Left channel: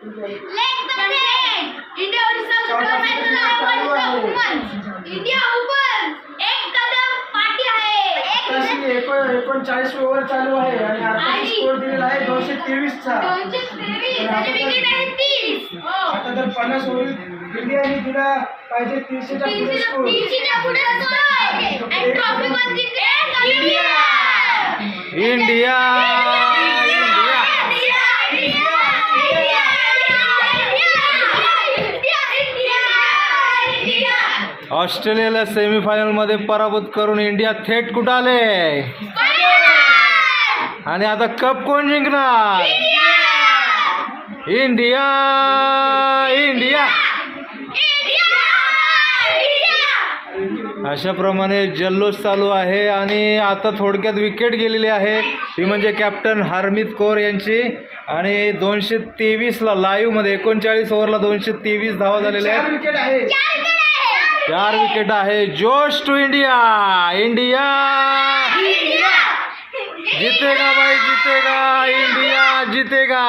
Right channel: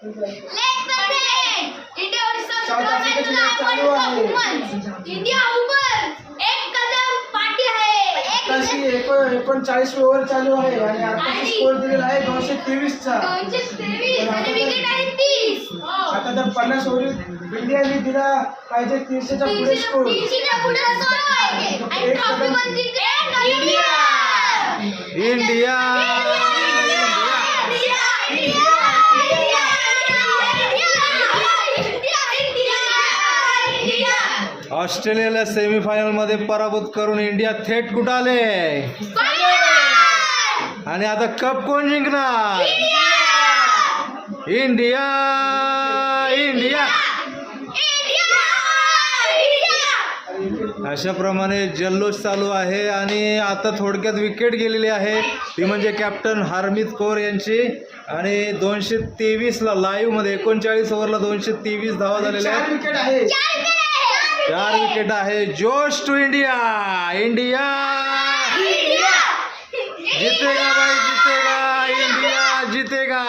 India ऊपर एक कदम पाठी आहे. 39 ओव्हर चालू आहे आणि आता स्कोर दिलेला आहे 223 चा. 223 आणि विकेट आहे 30. आता तर 50 ओव्हर इंडियाने दिला पाहिजे 300 च्या पुढे स्कोर. 300 च्या पुढे स्कोर आहे आणि ट्रॉफी पण जिंकले इंडिया. इंडिया ऑस्ट्रेलियाला सेमीफायनल मध्ये पराभूत करून इंडिया थेट कुठं आले आणि आता कप कोण जिंकणार? India India. अशा प्रमाणे जल्लोष चालू आहे आणि आता थोडक्यात विकेट गेलेली आहे ती म्हणजे कॅप्टन हरमीत कौर यांची. आणि 223ला लाईव्ह मध्ये 39 ओव्हरला 223 धावा झालेल्या आहेत. 4 विकेट आहे. 4 विकेट आहे. जोश टू इंडिया. इंडिया जीतेगा भाई, जीतेगा. इंडिया जीतेगा.